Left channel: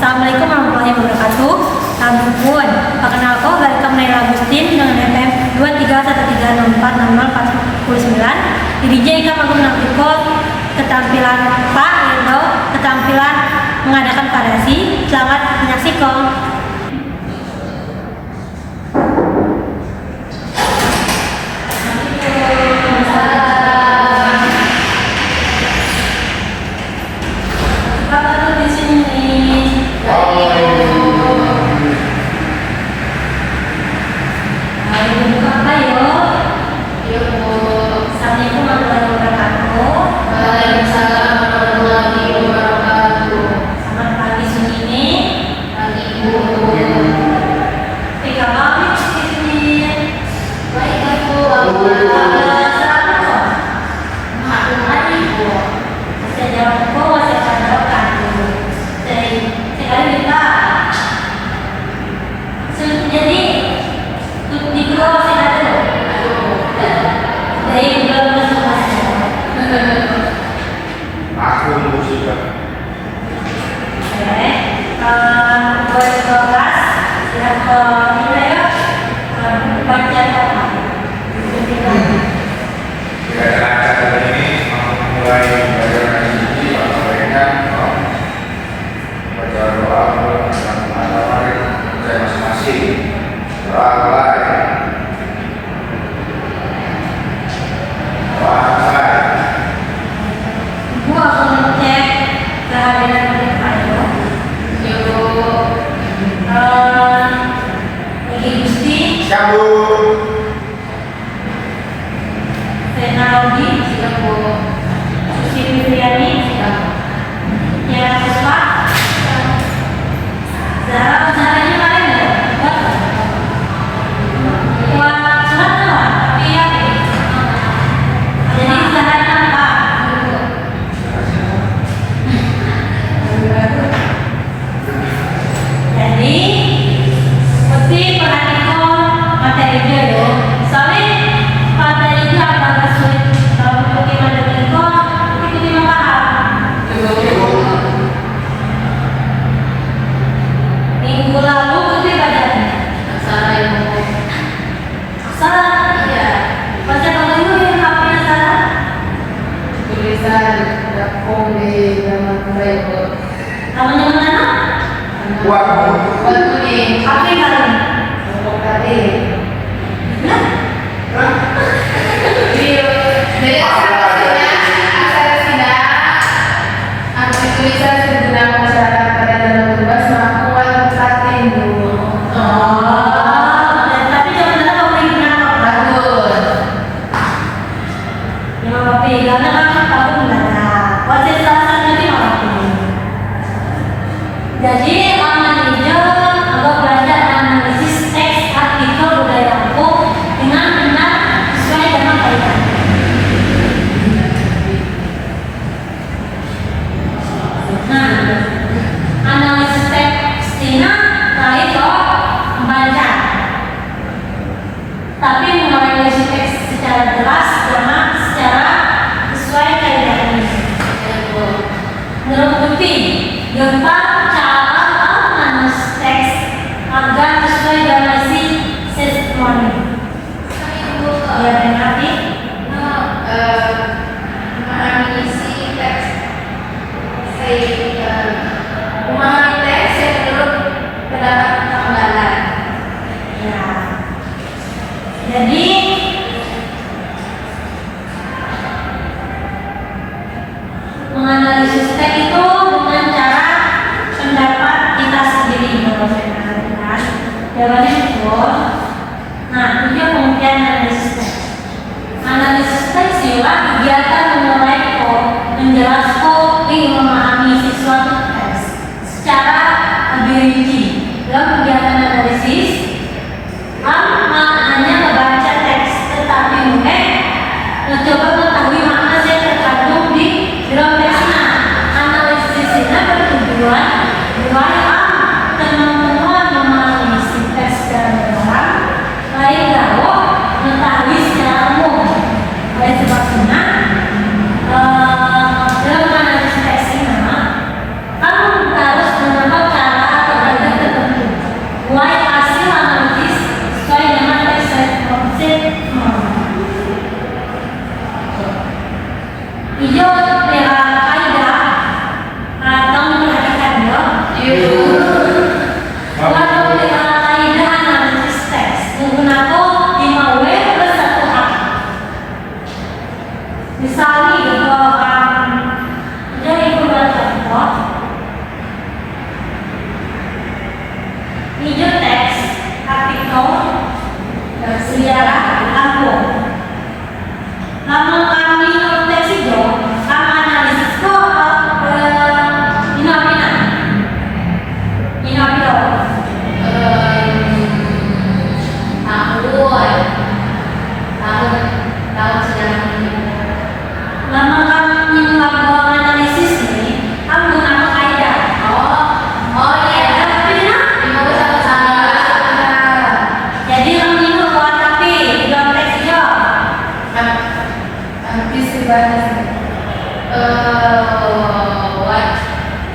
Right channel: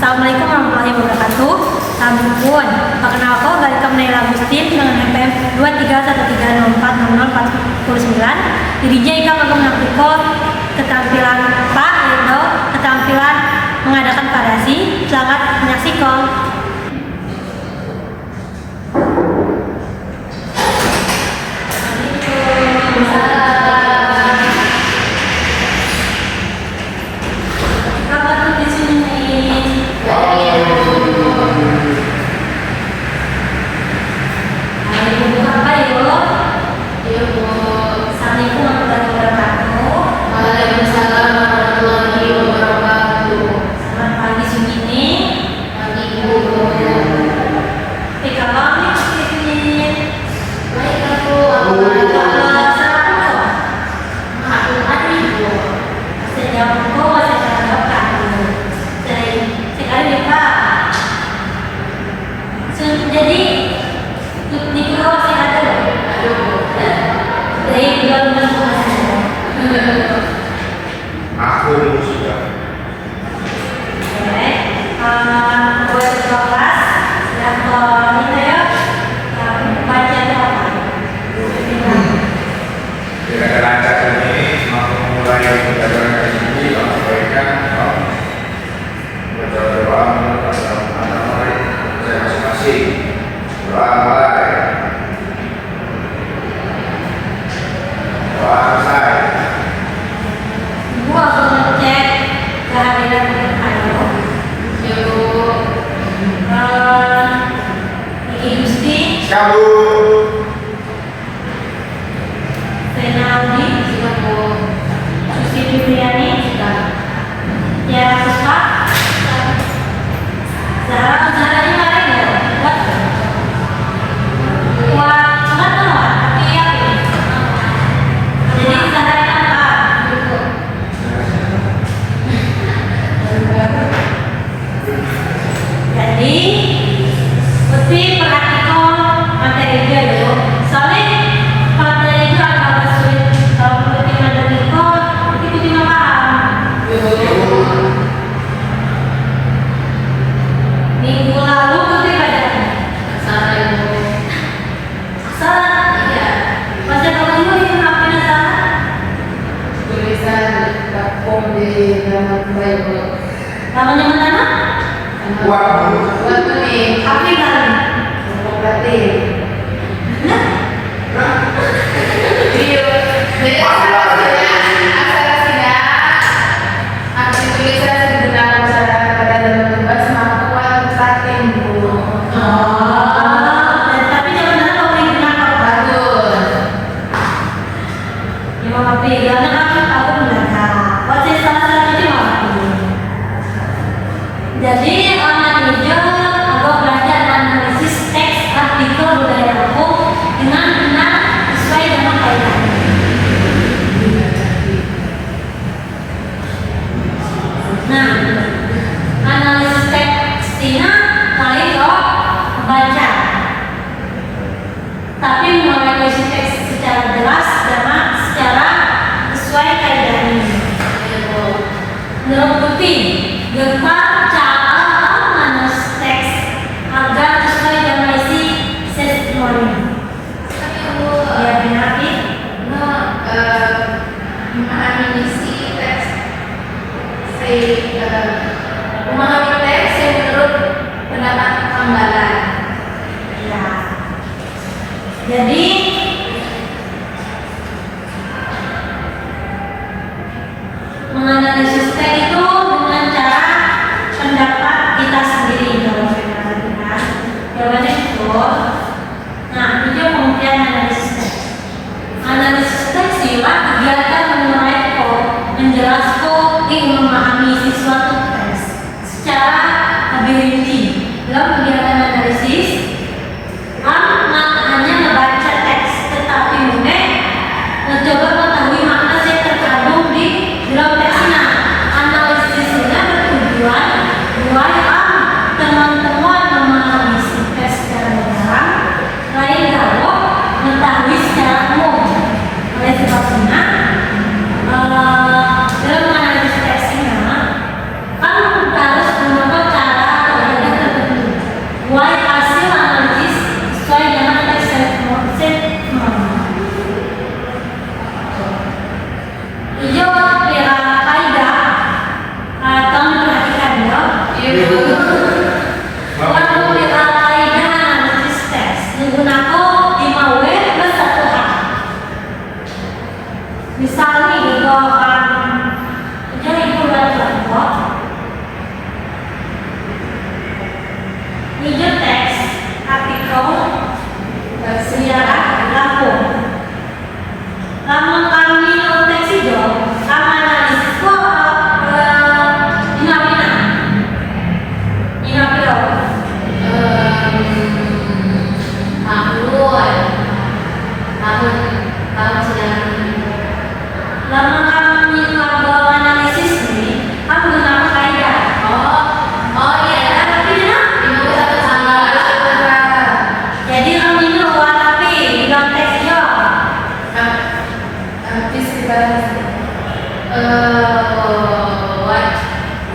Assalamualaikum warahmatullahi wabarakatuh. Sampun, perkenalkan balik ke Menel Agustin dengan NPM 2313040049. Diri Ika Magum Nampiko ketampilan Pak yaitu ketampilan mengadakan parasi. Selamat menyaksikan. Menganalisis teks itu dengan cara pendapat kita sendiri. Jawabannya betul. Nah, itu pengertian analisis teks. Analisis teks ialah kegiatan menyuarakan, menjelaskan, memahami sesuatu teks secara lebih rinci. Dalam kegiatan analisis, maknanya membaca teks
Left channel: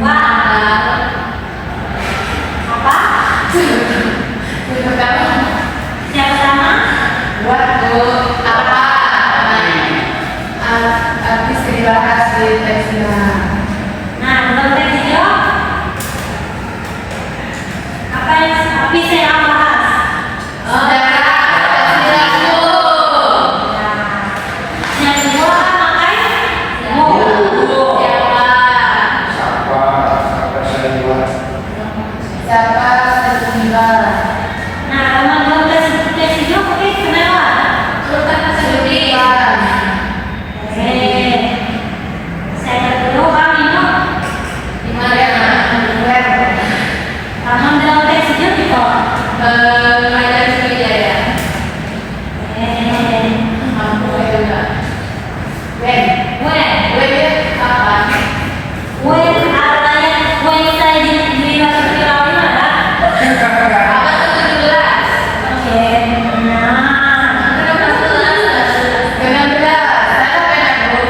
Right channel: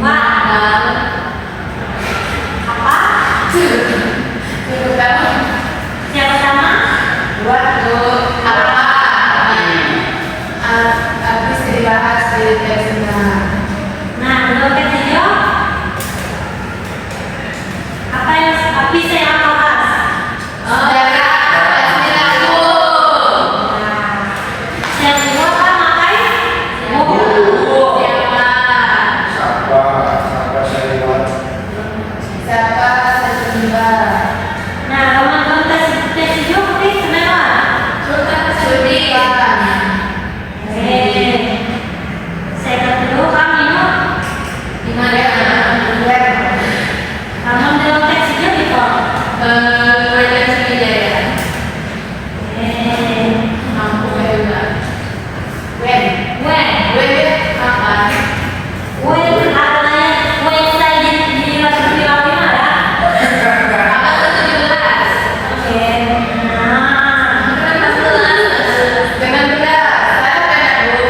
Wah. Apa? Yang pertama. Yang pertama? Waktu apa? Habis dibahas di tes mana? Nah, menurut tes hijau apa yang habis saya bahas? Sejarah perilaku. Yang kedua makai Siapa sejumlah. Nah, kalau menurut tes hijau mungkin kenapa? Sejumlah. Saya dulu kami no. Gimana? Kamu menurut tes hijau gitu? Pelajaran Sriwijaya. Mampu juga. When kapan? Saya di Rasuki Awal ada. Apa tuh 17? Kenapa 11? Dengan benar. Saya pengen Bu.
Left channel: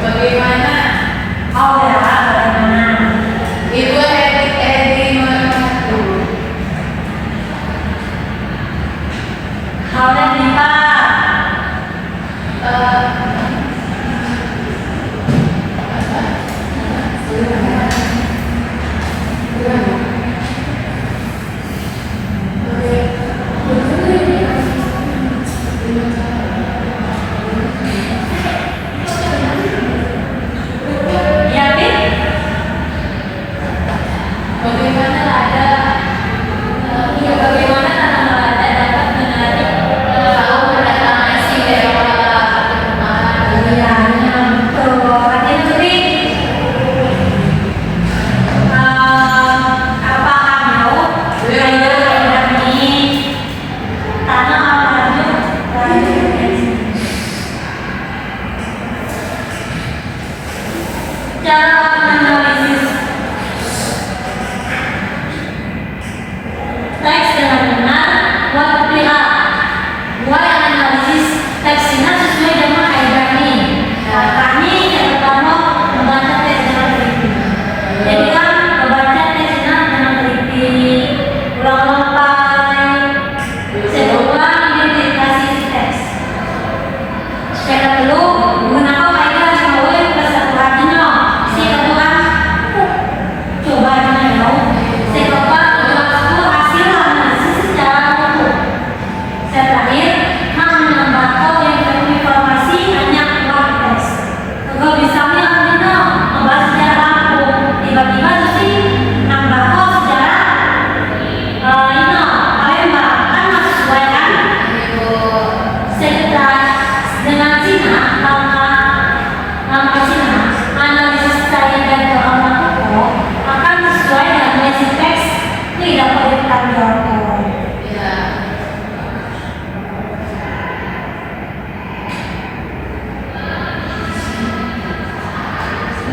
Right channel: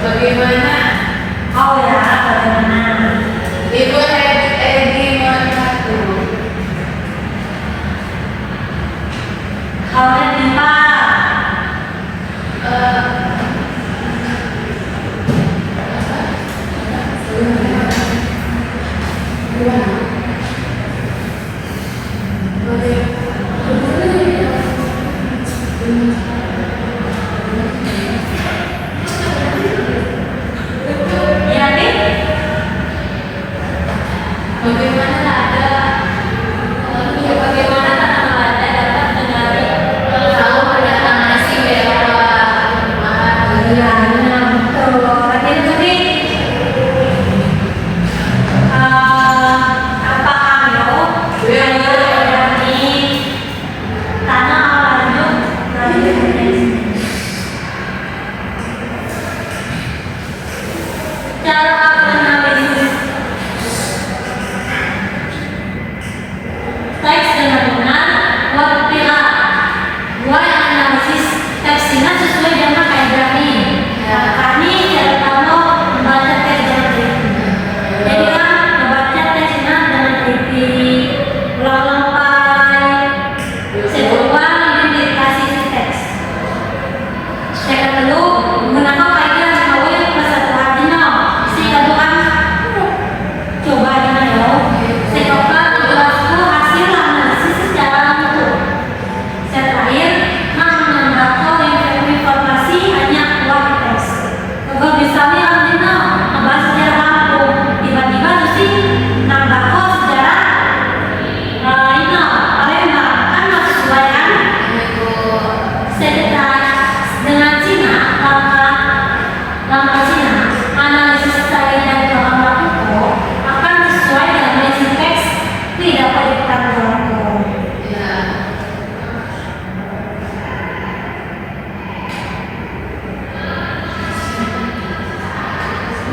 Bagaimana? Ibu Edi mengaku. Bagaimana tanah lada dapat menarik tahu pendatang asing dari teks dengan benar, buat pihak dua yang analisis teksnya sesuai dengan kaidah ini. Nah, kami dari Parno membaca teks dengan teliti. Jadi kan membaca teksnya dengan teliti, ulang-ulang pai, kedua identifikasi teks. Saya dulu menangkap kaidah semua pasal hatinya. Si kedua coba dengan ya. Saya coba hasil analisis secara utuh. Terakhir, menambah informasi hanya uang teks. Juga bisa membahas sejarah tiba-tiba sih nambah sejarah lainnya. Palembang kan sesuai kan? Sekitar dengan Cina, langkah Cina, analisis saya dan orang hukum akan sesuai dengan basic teks tidak perlu ditanggung.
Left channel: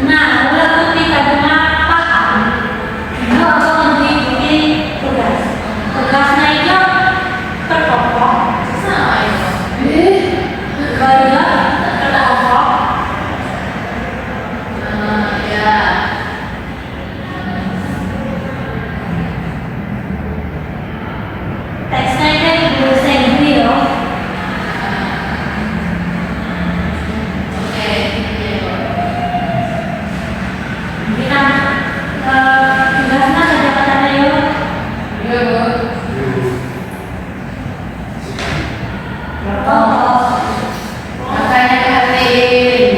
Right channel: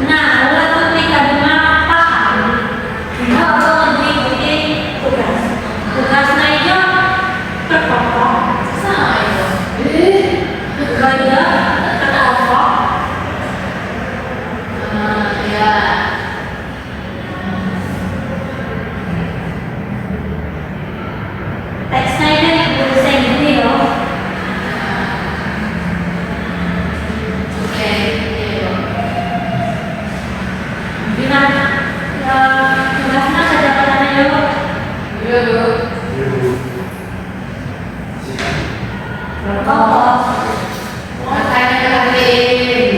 Nah, ulah ketika bunga paham, ibu aku mengikuti tugas. Tugasnya itu terpokok, gaya terpokok. Teksnya itu guru saya gini loh. Bilang tugasnya kejabatannya yuk. Makanya perhatiin.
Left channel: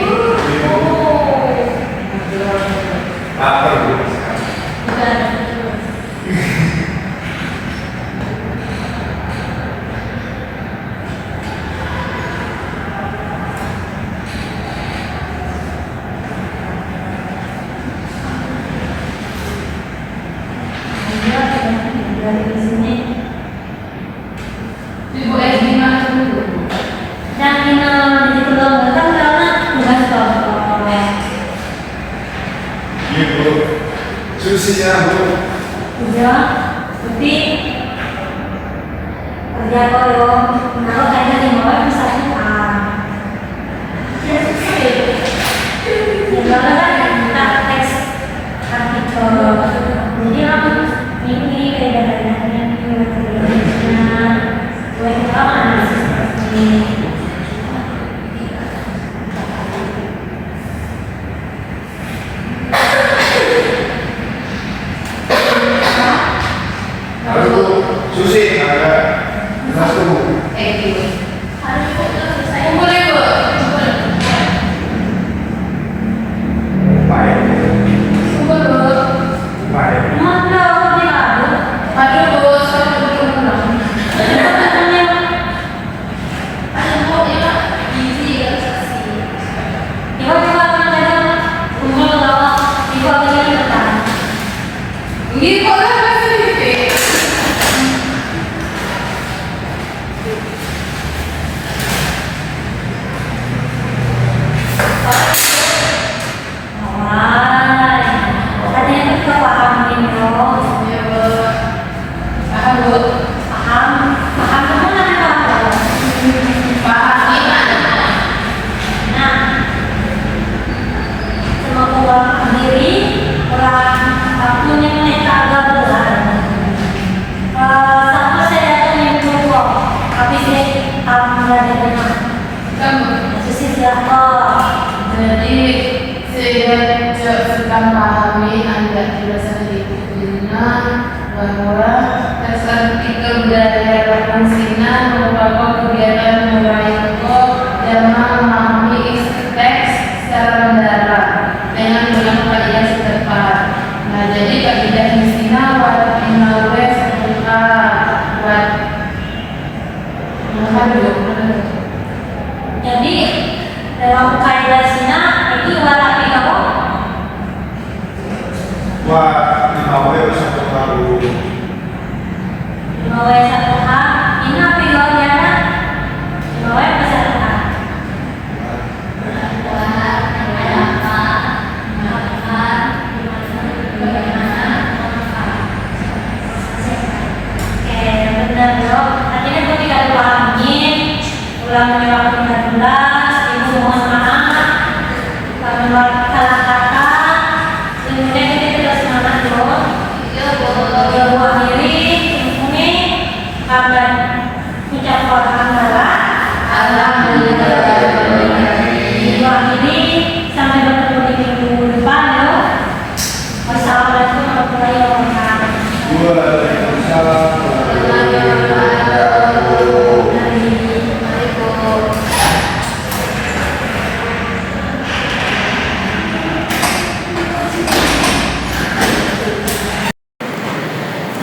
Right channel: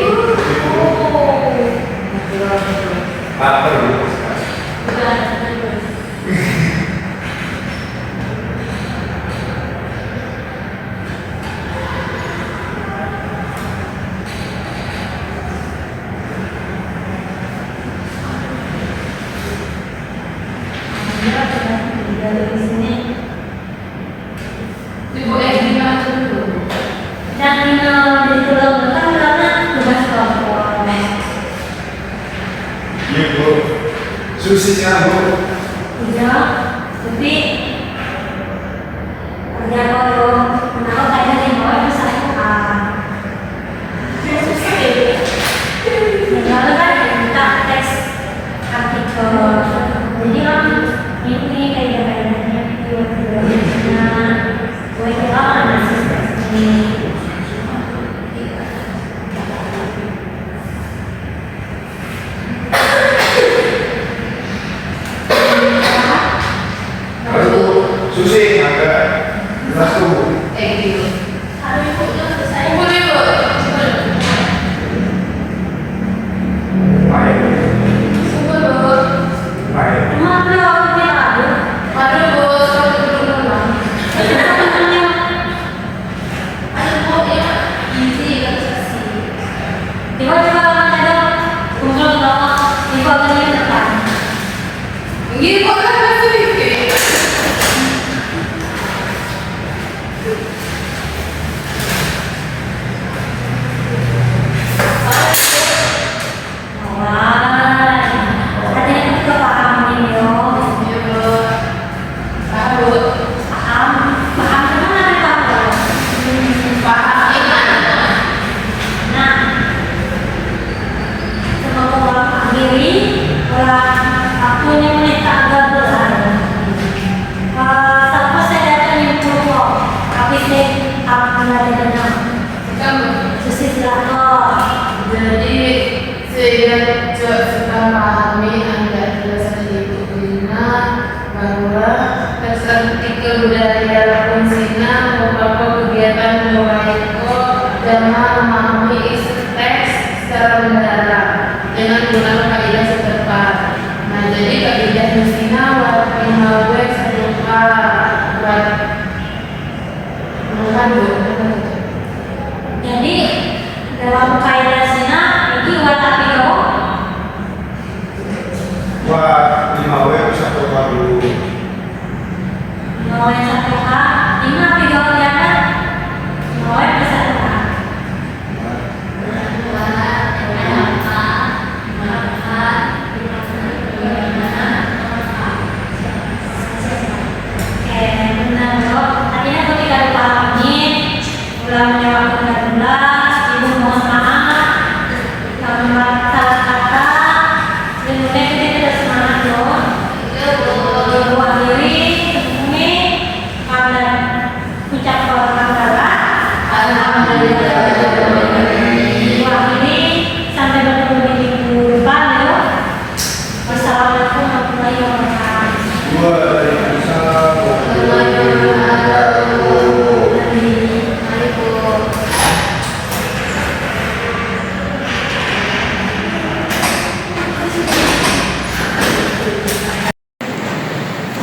Dan final jadi kelompok kan karena tugas kelompok. Iya Bu. Susinya Bu. Udah, tapi kerja kalau mau kayak di bawah misalkan. Dan susah ya. Ya kalau kan kita tes artikel, jadi orang ini kayak data-datanya itu gue itu apa analisis ini. Halo Bu. Susi, ada jelas tuh Bu. Baik. Baik. Emang belum dia lalu. Tiba-tiba orang kadang kumpul bawa di bawah di depan. Awal, katanya juga paham ini loh. Paham, paham kan nanti paham. Nah, semoga orang diri orang waktunya meneta bulan. Sama saya datang yang purwo, tapi saya alhamdulillah susi silahkan. Jadi saya sedang pahami agak jelas dari bukunya bahwa estetik budaya fungsinya merupakan kegiatan moraiko dalam memahami isi teks secara mendalam dengan menggunakan kaidah setempat. Nah, jadi kaidah misinya final west berupa Jadi dalam kaidah sina ini wala pino Wah, 5 W satu baru. mau yang satu h ini pino diana mau yang satu h. Oke, benar bro. Artinya ketika dipahami ulangannya waktu 16, ibu mohon maaf kalau salah kata, kemudian kita terus semangat bro. Ibu akhiri ini karena ucap orang antara ibu akhiri sampai bertemu di minggu depan ya. Wassalamualaikum warahmatullahi wabarakatuh. Waalaikumsalam warahmatullahi wabarakatuh.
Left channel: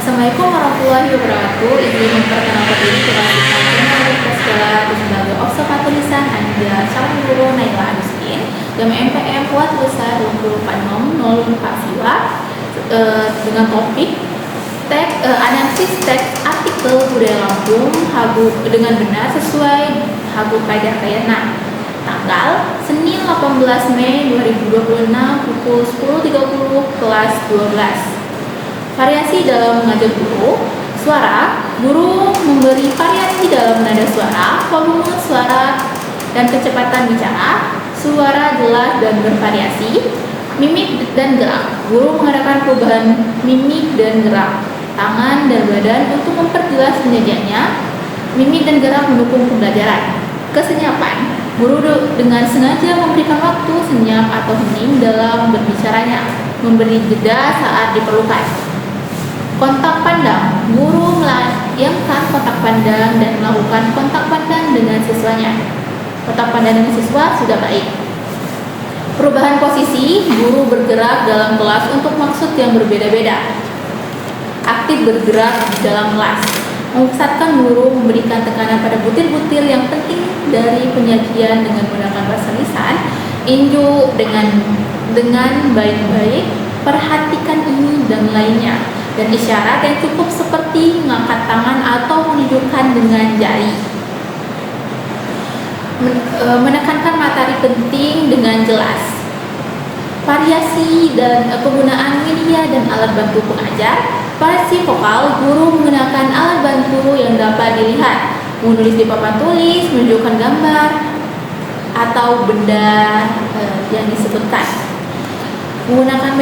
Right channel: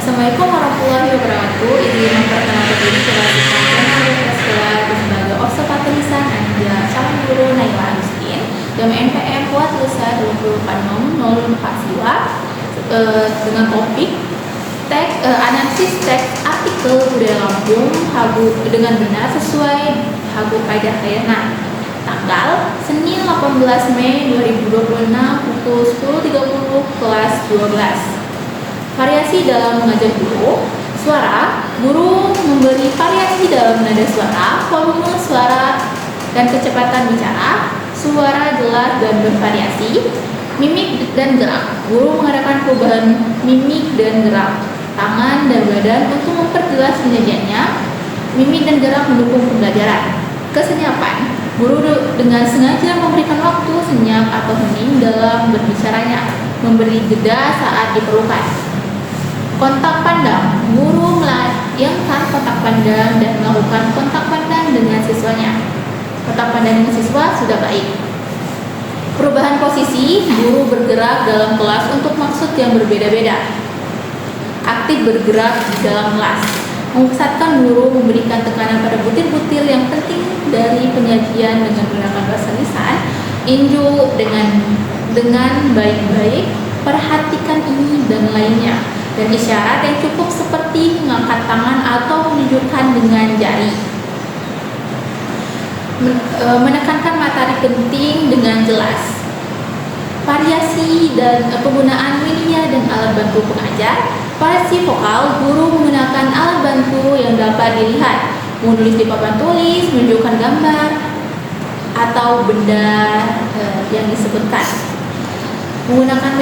Assalamualaikum warahmatullahi wabarakatuh. Ibu memperkenalkan diri kepada disampaikan oleh Praskila sebagai observator lisan Anja calon guru Naila Agustin Gama NPM Kuat Lusa 204604 Siwa dengan topik analisis teks artikel budaya Lampung Hagu dengan benar sesuai Hagu Kaidah Kayanan. Tanggal Senin 18 Mei 2026 pukul 10.30 kelas 12. Variasi dalam mengajar guru. Suara, guru memberi variasi dalam nada suara, volume suara, dan kecepatan bicara. Suara jelas dan bervariasi. Mimik dan gerak. Guru mengadakan perubahan mimik dan gerak tangan dan badan untuk memperjelas penyajiannya. Mimik dan gerak mendukung pembelajaran. Kesenyapan. Guru dengan sengaja memberikan waktu senyap atau hening dalam berbicaranya, memberi jeda saat diperlukan. Kontak pandang, guru melayangkan kontak pandang dan melakukan kontak pandang dengan siswanya. Kontak pandang dengan siswa sudah baik. Perubahan posisi, guru bergerak dalam kelas untuk maksud yang berbeda-beda. Aktif bergerak di dalam kelas. Memusatkan guru memberikan tekanan pada butir-butir yang penting dari penyajian dengan menggunakan bahasa lisan. Inju dengan baik-baik, perhatikan ini dan lainnya. dan isyarat yang cukup seperti mengangkat tangan atau menunjukkan dengan jari. Menekankan materi penting dengan jelas. Variasi dan penggunaan media dan alat bantu pengajar. Pada si vokal, guru menggunakan alat bantu yang dapat dilihat, menulis di papan tulis, menunjukkan gambar atau benda yang disebutkan. Menggunakan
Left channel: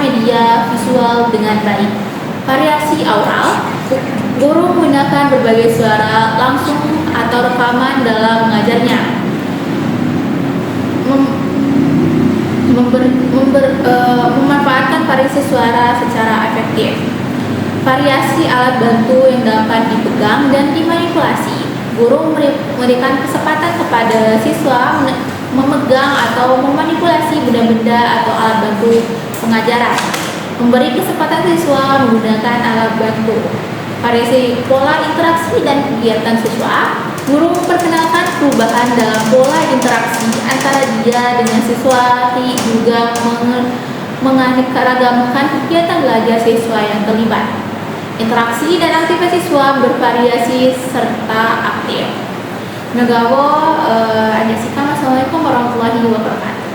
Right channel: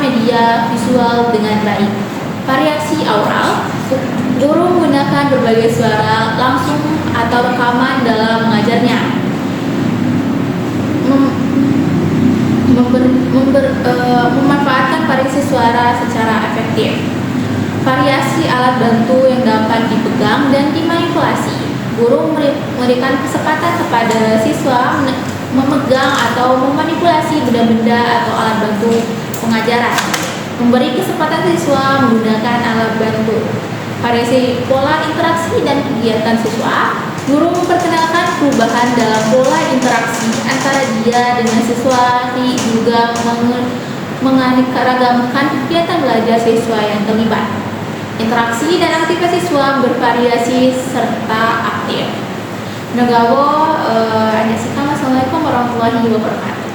media visual dengan baik. Variasi aural, guru menggunakan berbagai suara langsung atau rekaman dalam mengajarnya. Memanfaatkan variasi suara secara efektif. Variasi alat bantu yang dapat dipegang dan dimanipulasi. Guru memberikan kesempatan kepada siswa memegang atau memanipulasi benda-benda atau alat bantu pengajaran. Memberi kesempatan siswa menggunakan alat bantu. Variasi pola interaksi dan kegiatan siswa. Guru memperkenalkan perubahan dalam pola interaksi antara dia dengan siswa, juga menganeka-ragamkan kegiatan belajar siswa yang terlibat. Interaksi dan aktivitas siswa bervariasi serta aktif. Nagawo, Assalamualaikum warahmatullahi wabarakatuh.